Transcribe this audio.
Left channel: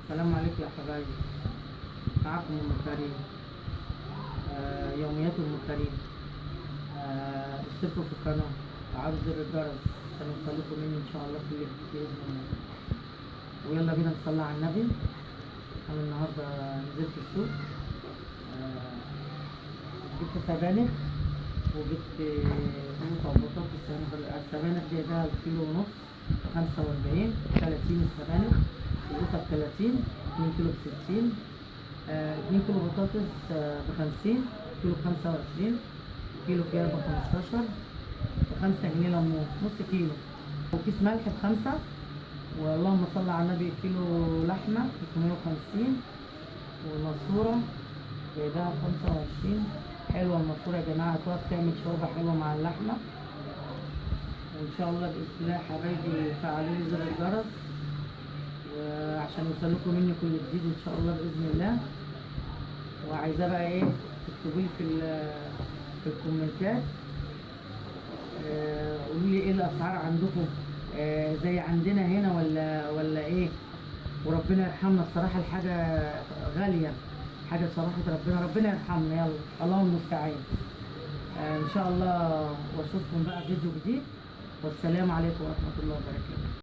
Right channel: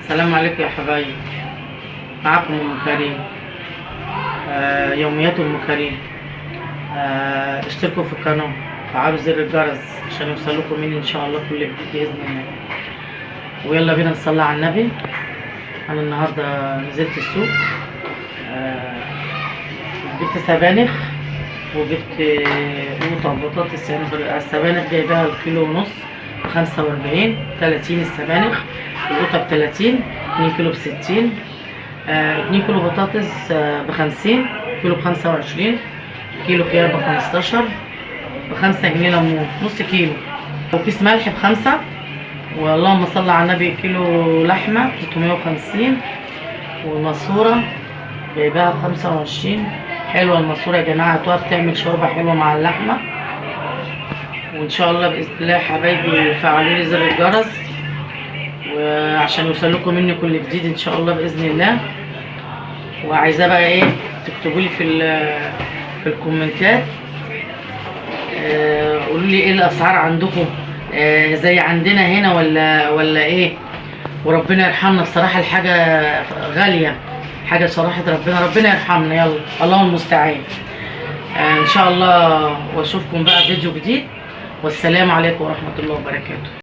السلام عليكم يا حبايبي. معكم ام كريم. يوميات ام كريم. اشتركوا في القناه وفعلوا زر الجرس عشان يوصلكم مني ان شاء الله كل جديد باذن الله. ويلا بينا نصلي على النبي. انا النهارده نزلت السوق، جبت سبانخ وجبت قوطه وبطاطس. يعني السبانخ جايباها الكيلو ونص ب45، 30 السبانخ، القوطه ب30، 2 كيلو ب60، 2 كيلو بطاطس ب50، كيلو ب25، كيلو خيار ب15، ب5 جنيه ليمون نص كيلو، وكيس ملح ب5. واللهم صل على النبي كيلو لحمه 350، والماسوره جايباها ب25. حلوه الماسوره يا جماعه، هتقعد بتعمل شوربه حلوه مع اللحمه. وان شاء الله باذن الله يا حبايبي فعلوا لي زر الجرس وعشان يوصلكم مني كل جديد ان شاء الله باذن الله. وعايزاه بقى ايه، تكتبوا لي في الكومنتات، قولوا لي ايه الاسعار عندكم، زي عندنا هنا ولا ايه. وربنا يرحمنا بصراحه، الحاجه غاليه، حاجه صراحه ربنا يرحمنا. يلا الله المستعان. ان شاء الله واشوفكم بقى فيديو جديد، والسلام عليكم ورحمه الله وبركاته.